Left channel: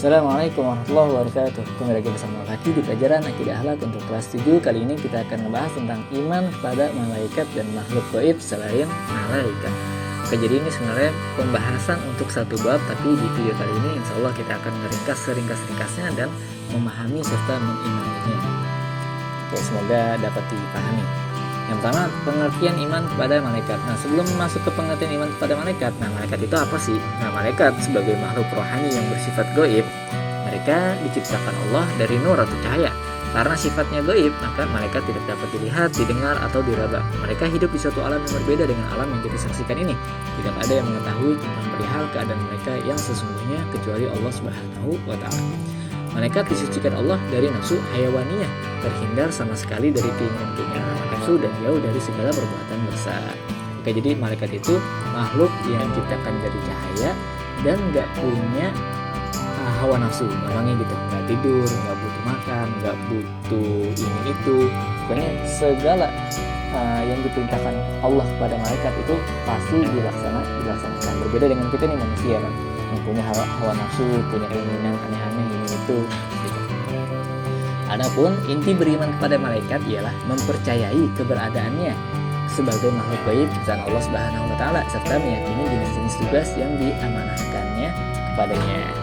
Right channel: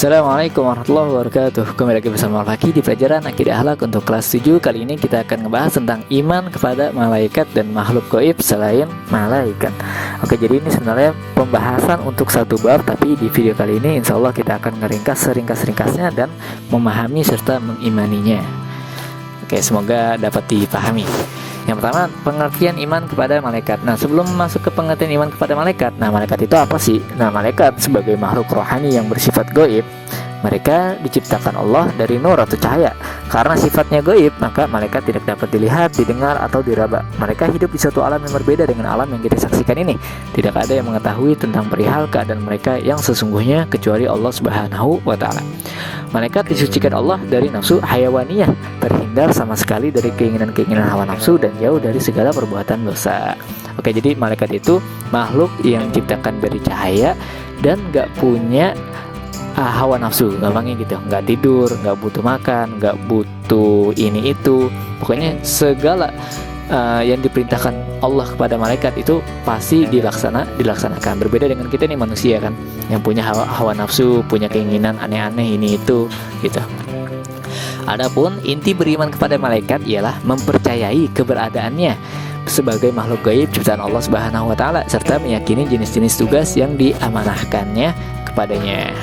Assalamualaikum warahmatullahi wabarakatuh. Kembali lagi bersama Al-Fakih di pelajaran Akidah Akhlak untuk kelas 7. Kali ini kita akan membahas tentang iman kepada malaikat dan makhluk gaib selain malaikat. Oke, jadi ini sebenarnya pembahasan untuk satu bab, tapi di video kali ini insya Allah kita akan meringkas seringkas-ringkasnya dan memahami serta mengimaninya. Oke, semoga dapat dipahami. Yang pertama, pengertian iman kepada malaikat. Nah, sebelum masuk ke pengertian iman kepada malaikat, malaikat itu apa sih? Malaikat sebagai makhluk rohani yang bersifat gaib. Mereka diciptakan Allah dari nur atau cahaya. Karena sifatnya gaib, maka malaikat tidak dapat dilihat, didengar, atau diraba. Mereka hidup di satu alam yang berbeda dengan alam yang kita saksikan ini. Tidak ada yang mengetahui tentang perihal keadaan mereka yang sesungguhnya kecuali Allah Subhanahu wa Ta'ala. Malaikat disucikan Allah dari nafsu hayawaniyah, terhindar sama sekali dari keinginan-keinginan hawa nafsu dan jauh dari segala perbuatan dosa. Oke, jadi malaikat itu makhluk yang diciptakan dari cahaya dan gak punya hawa nafsu, gampangnya gitu. Gak tidur, gak butuh makan, gak butuh ini itu. Pokoknya segala yang diperintahkan Allah kepada malaikat itu pasti dilaksanakan. Berbeda dengan kita nih manusia kan, yang punya hawa nafsu, punya keinginan aneh-aneh ini itu gitu. Adapun inti beriman kepada malaikat ialah mempercayai keberadaannya sebagai makhluk gaib ciptaan Allah Subhanahu wa Ta'ala serta meyakini jenis-jenis tugas yang diamanahkannya kepadanya.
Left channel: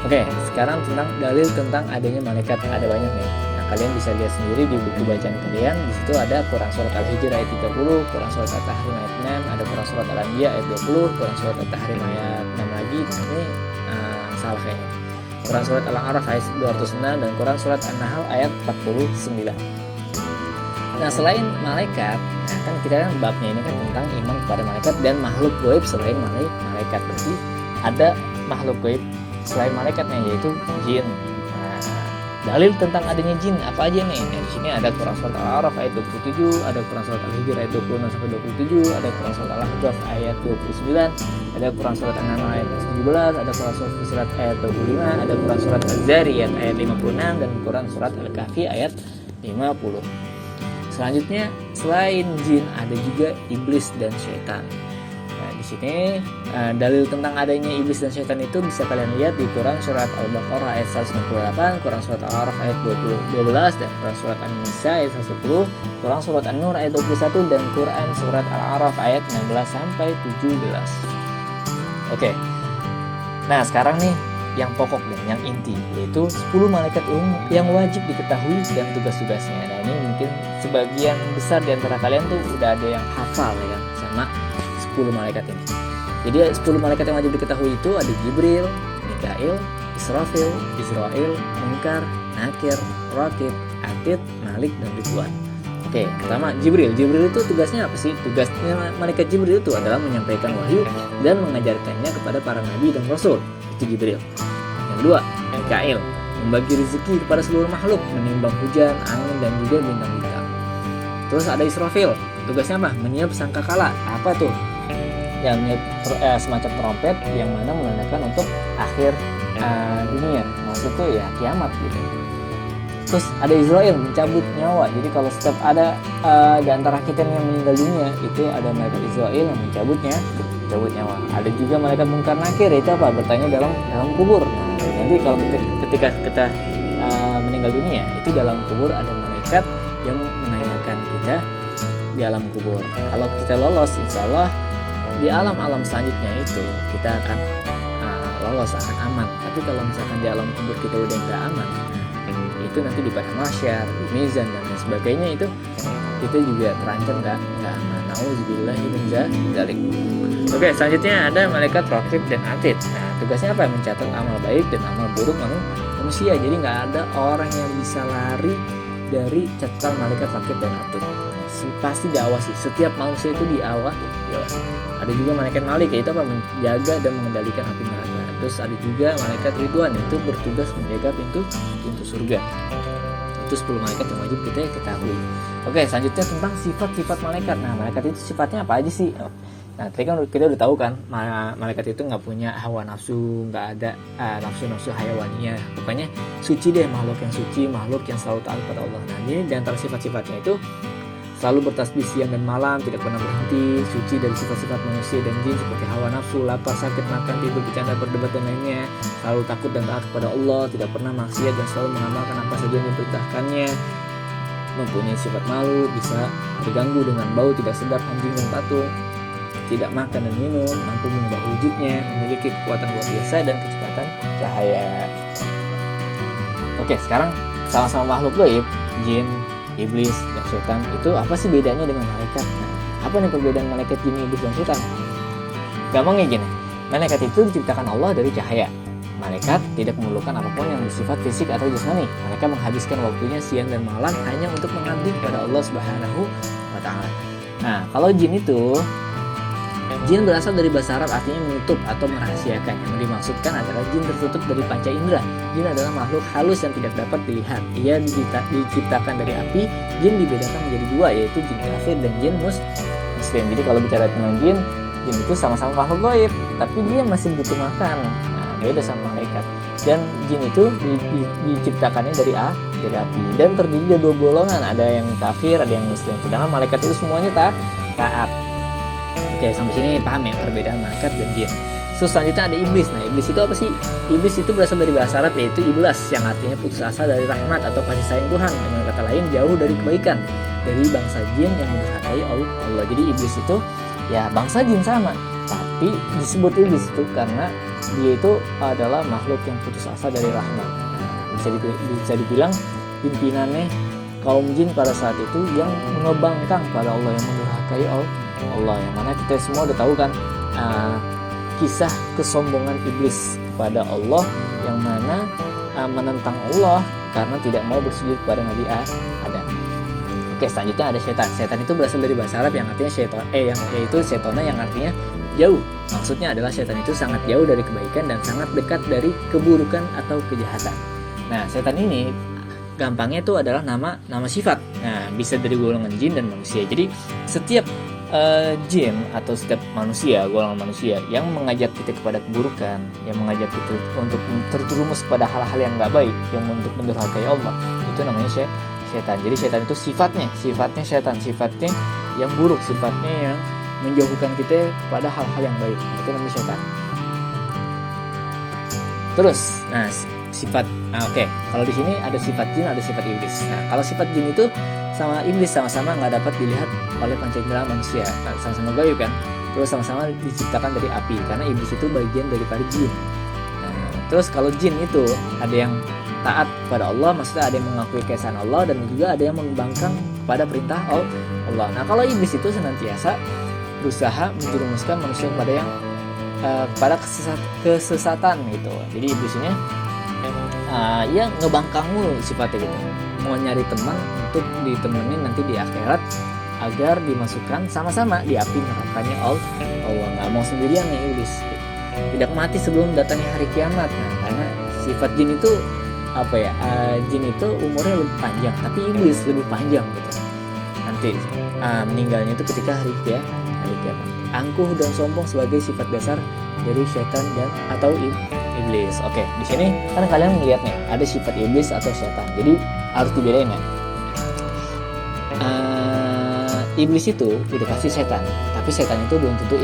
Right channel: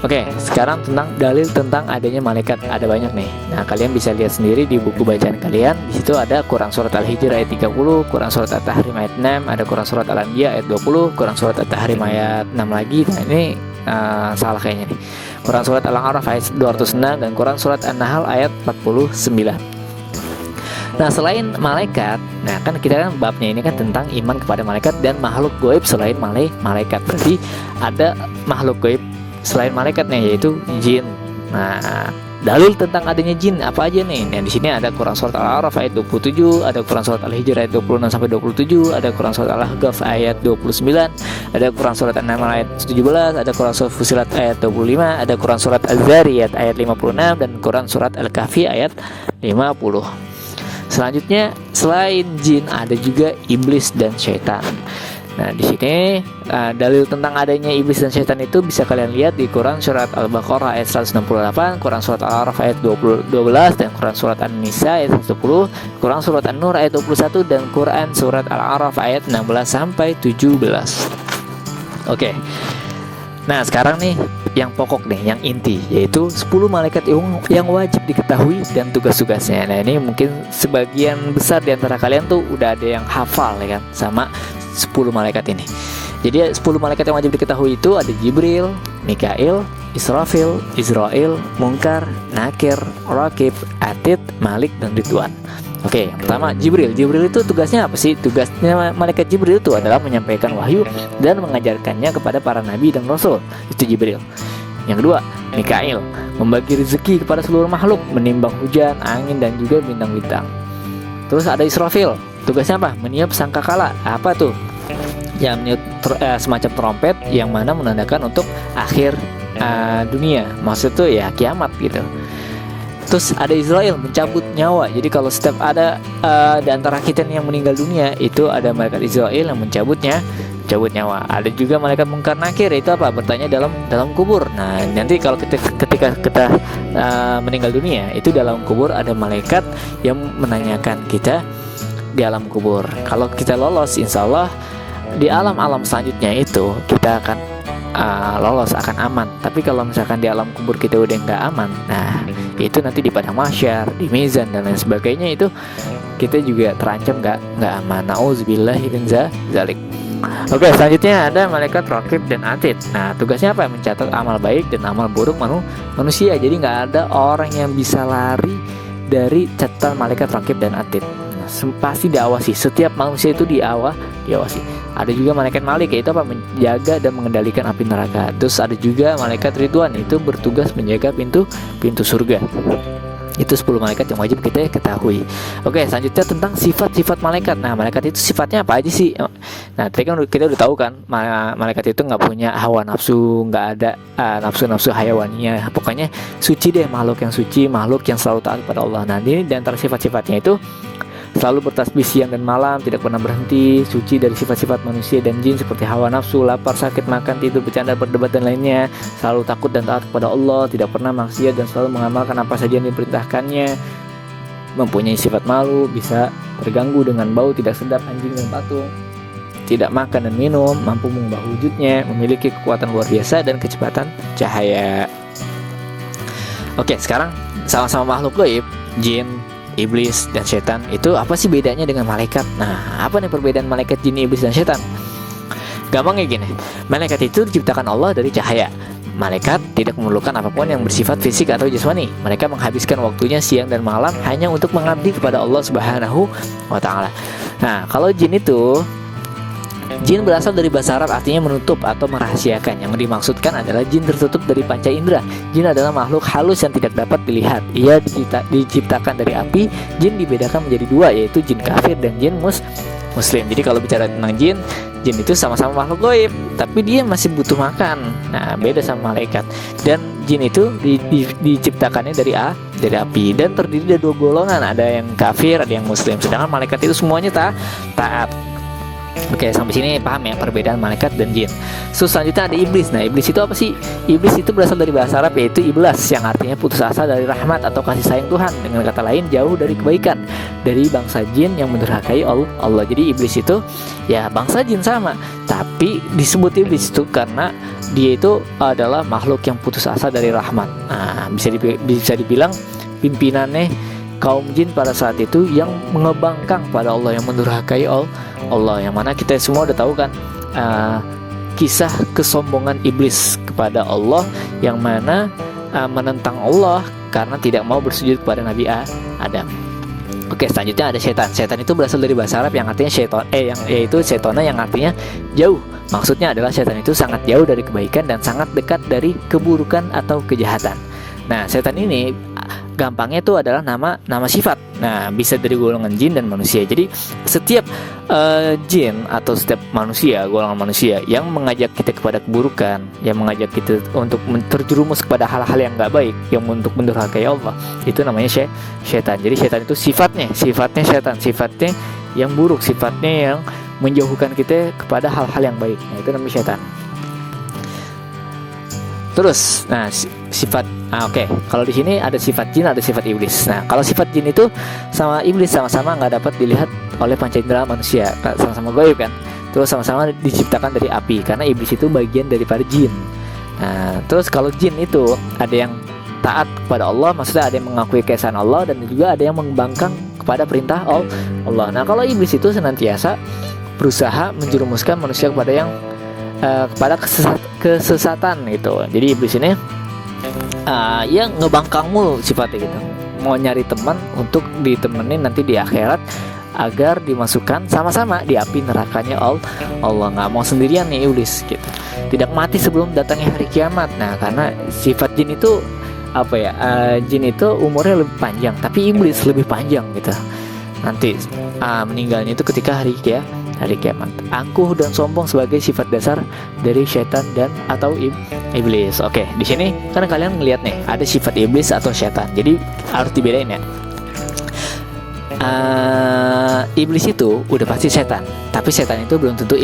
Oke, sekarang tentang dalil tentang adanya malaikat. Ada banyak nih. Nah, kalian bisa lihat sendiri di buku bacaan kalian. Di situ ada Quran surat Al-Hijr ayat 30, Quran surat At-Tahrim ayat 6, ada Quran surat Al-Anbiya ayat 20, Quran surat At-Tahrim ayat 6 lagi. Nah, ini salah kayaknya nih. Quran surat Al-A'raf ayat 206 dan Quran surat An-Nahl ayat 49. Nah, selain malaikat, nah kan kita kan babnya ini kan tentang iman kepada malaikat dan makhluk gaib selain malaikat. Berarti ada makhluk gaib selain malaikatnya, yaitu jin. Nah, dalil tentang adanya jin apa aja nih? Nah, di sini ada Quran surat Al-A'raf ayat 27, ada Quran surat Al-Hijr ayat 26 sampai 27, ada Quran surat Al-Ahqaf ayat 29, ada Quran surat An-Naml ayat 17, ada Quran surat Fussilat ayat 25, ada Quran surat Az-Zariyat ayat 56 dan Quran surat Al-Kahfi ayat 50. Selanjutnya, selain jin ada juga iblis dan syaitan. Nah, di sini dalil tentang adanya iblis dan syaitan itu bisa kalian lihat di Quran surat Al-Baqarah ayat 168, Quran surat Al-A'raf ayat 12 dan Quran surat An-Nisa ayat 110, Quran surat An-Nur ayat 21 dan Quran surat Al-A'raf ayat 16 sampai 17. Oke. Nah, sekarang nih yang pokok nih, yang inti, yaitu 10 malaikat yang wajib diketahui dan tugas-tugasnya. Nah, ini mungkin sebagian besar di antara kalian tuh udah ada yang hafal ya kan sama 10 malaikat ini. Jadi 10 malaikat yang wajib diketahui itu ada Jibril, Mikail, Israfil, Israel, Munkar, Nakir, Rakib, Atid, Malik, dan Ridwan. Oke, pertama Jibril. Jibril itu tugasnya apa sih? Tugasnya malaikat Jibril itu adalah menyampaikan wahyu dan mengajarkannya kepada para nabi dan rasul. Itu Jibril. Yang kedua, Mikail, membagi rezeki kepada seluruh makhluk, menimbang hujan, angin, dan juga bintang-bintang. Terus ada Israfil. Tugasnya apa? Meniup sangkakala. Apa tuh? Yang meniup semacam trompet yang mana menandakan untuk akhir dunia. Maksud tuh ya kiamat gitu. Terus ada Israel, mencabut nyawa. Jadi kalau setiap ada di antara kita yang meninggal dunia, itu ada malaikat Israel yang mencabut nyawa. Ada juga malaikat Munkar Nakir, itu apa? Bertanya dalam kubur. Nah, nanti kalau ketika kita meninggal dunia, itu dalam kubur ada malaikat yang menanyakan kita di alam kubur. Kalau kita lolos, insya Allah di alam-alam selanjutnya itu kita akan lolos, akan aman. Tapi kalau misalkan di alam kubur kita udah nggak aman, nah itu nanti di padang mahsyar, di mizan dan lain sebagainya, itu kita juga terancam nggak aman. Nauzubillahi min dzalik. Oke, selanjutnya ada malaikat Rakib dan Atid. Nah, tugasnya apa? Mencatat amal baik dan amal buruk manusia. Jadi nggak ada orang yang bisa lari dari catatan malaikat Rakib dan Atid. Pasti diawasi. Setiap manusia itu diawasi. Ada juga malaikat Malik, yaitu apa? Menjaga dan mengendalikan api neraka. Terus ada juga malaikat Ridwan, itu bertugas menjaga pintu surga. Itu 10 malaikat yang wajib kita ketahui. Oke, selanjutnya tentang sifat-sifat malaikat. Nah, malaikat itu sifatnya apa aja sih? Nah, tadi kan kita udah tahu kan, malaikat itu nggak punya hawa nafsu, nggak ada nafsu-nafsu hayawaninya. Pokoknya suci deh, makhluk yang suci, makhluk yang selalu taat pada Allah. Nah, ini di antara sifat-sifatnya itu selalu bertasbih siang dan malam, tidak pernah berhenti, suci dari sifat-sifat manusia dan jin seperti hawa nafsu, lapar, sakit, makan, tidur, bercanda, berdebat dan lainnya, selalu takut dan taat kepada Allah, tidak pernah maksiat dan selalu mengamalkan apa saja yang diperintahkannya, mempunyai sifat malu, bisa terganggu dengan bau tidak sedap anjing dan patung, tidak makan dan minum, mampu mengubah wujudnya, memiliki kekuatan luar biasa dan kecepatan cahaya. Oke, sekarang sama-sama makhluk gaib, jin, iblis, dan setan. Itu apa sih bedanya dengan malaikat? Nah, apa nih perbedaan malaikat, jin, iblis, dan setan? Gampangnya gini, malaikat itu diciptakan Allah dari cahaya. Malaikat tidak memerlukan apapun yang bersifat fisik atau jasmani. Mereka menghabiskan waktunya siang dan malam hanya untuk mengabdi kepada Allah Subhanahu wa Ta'ala. Nah, kalau jin itu, jin berasal dari bahasa Arab artinya menutup atau merahasiakan. Yang dimaksudkan adalah jin tertutup dari panca indera. Jin adalah makhluk halus yang tidak dapat dilihat. Ia diciptakan dari api. Jin dibedakan menjadi dua, yaitu jin kafir dan jin muslim. Jadi kalau bicara tentang jin itu sama-sama makhluk gaib, tapi dia masih butuh makan. Nah, beda sama malaikat. Dan jin itu diciptakannya dari api dan terdiri dari dua golongan, ada yang kafir, ada yang muslim. Sedangkan malaikat itu semuanya taat. Oke, sampai sini paham ya perbedaan malaikat dan jin. Selanjutnya ada iblis. Nah, iblis itu apa sih? Iblis itu berasal dari bahasa Arab, yaitu iblas, yang artinya putus asa dari rahmat atau kasih sayang Tuhan. Dengan kata lain, jauh dari kebaikan, dari bangsa jin yang mendurhakai Allah. Jadi iblis itu ya bangsa jin sama, tapi disebut iblis itu karena dia itu adalah makhluk yang putus asa dari rahmat. Nah, bisa dibilang pimpinannya kaum jin pada saat itu yang mengebangkang pada Allah, yang mendurhakai Allah, yang mana kita semua udah tahu kan kisah kesombongan iblis kepada Allah, yang mana menentang Allah karena tidak mau bersujud kepada Nabi Adam. Oke, selanjutnya ada setan. Setan itu berasal dari bahasa Arab yang artinya syaitan, yaitu setona, yang artinya jauh. Maksudnya adalah setan itu sangat jauh dari kebaikan dan sangat dekat dari keburukan atau kejahatan. Nah, setan ini gampangnya itu adalah nama sifat. Nah, bisa dari golongan jin dan manusia. Jadi setiap jin atau setiap golongan manusia yang mengajak kita kepada keburukan, yang mengajak kita untuk terjerumus kepada hal-hal yang nggak baik, yang untuk mendurhakai Allah, itu namanya setan. Jadi setan itu sifatnya setan, sifatnya yang buruk, sifatnya yang menjauhkan kita kepada hal-hal yang baik. Nah, itu namanya setan. Terus, nah sifat, kalau di sini ada sifat jin, ada sifat iblis. Nah, kalau sifat jin itu sama iblis sama-sama nggak dapat dilihat oleh panca indera manusia, sama-sama gaib kan. Terus sama-sama diciptakan dari api, karena iblis itu bagian daripada jin. Nah, terus kalau jin itu ada yang taat kepada Allah, maksudnya ada yang mengakui keesaan Allah, dan juga ada yang membangkang kepada perintah Allah. Nah, kalau iblis itu senantiasa berusaha menjerumuskan manusia kepada kesesatan itu. Jadi iblis ini yang ngebangkang mulu sifatnya gitu, mau nyari teman untuk ditemenin nanti di akhirat agar dimasukkan sama-sama di api nerakanya Allah. Nggak mau sendirian nih iblis gitu, tidak mati sebelum datangnya hari kiamat. Nah, karena sifat jin itu jin itu umurnya lebih panjang, tapi iblis lebih panjang gitu. Nanti meninggalnya itu ketika hari kiamat. Angkuh dan sombong sebagai sifat dasar dari setan dan atau iblis. Oke, di sini kan kalian ngeliat nih ada sifat iblis atau setan. Jadi harus dibedain ya. Iblis itu udah pasti setan, tapi setan itu belum tentu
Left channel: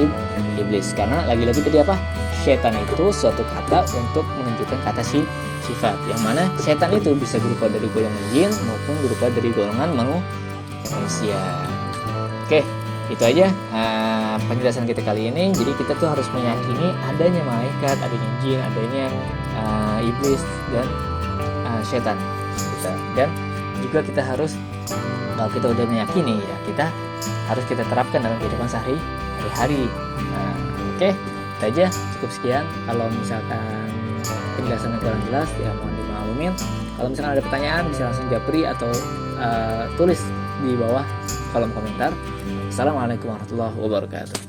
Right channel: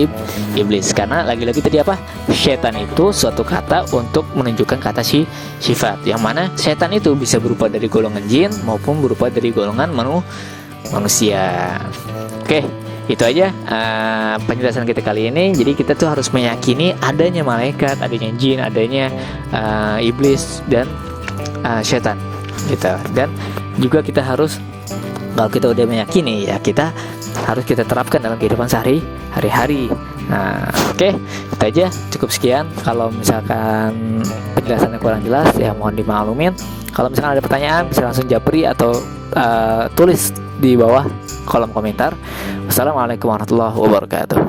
iblis, karena lagi-lagi tadi apa? Setan itu suatu kata untuk menunjukkan kata sifat, yang mana setan itu bisa berupa dari golongan jin maupun berupa dari golongan manusia. Oke, itu aja penjelasan kita kali ini. Jadi kita tuh harus meyakini adanya malaikat, adanya jin, adanya iblis dan setan gitu. Dan juga kita harus, kalau kita udah meyakini ya, kita harus kita terapkan dalam kehidupan sehari-hari. Nah, oke, itu aja, cukup sekian. Kalau misalkan penjelasannya kurang jelas ya mohon dimaklumin. Kalau misalkan ada pertanyaan bisa langsung japri atau tulis di bawah kolom komentar. Wassalamualaikum warahmatullahi wabarakatuh.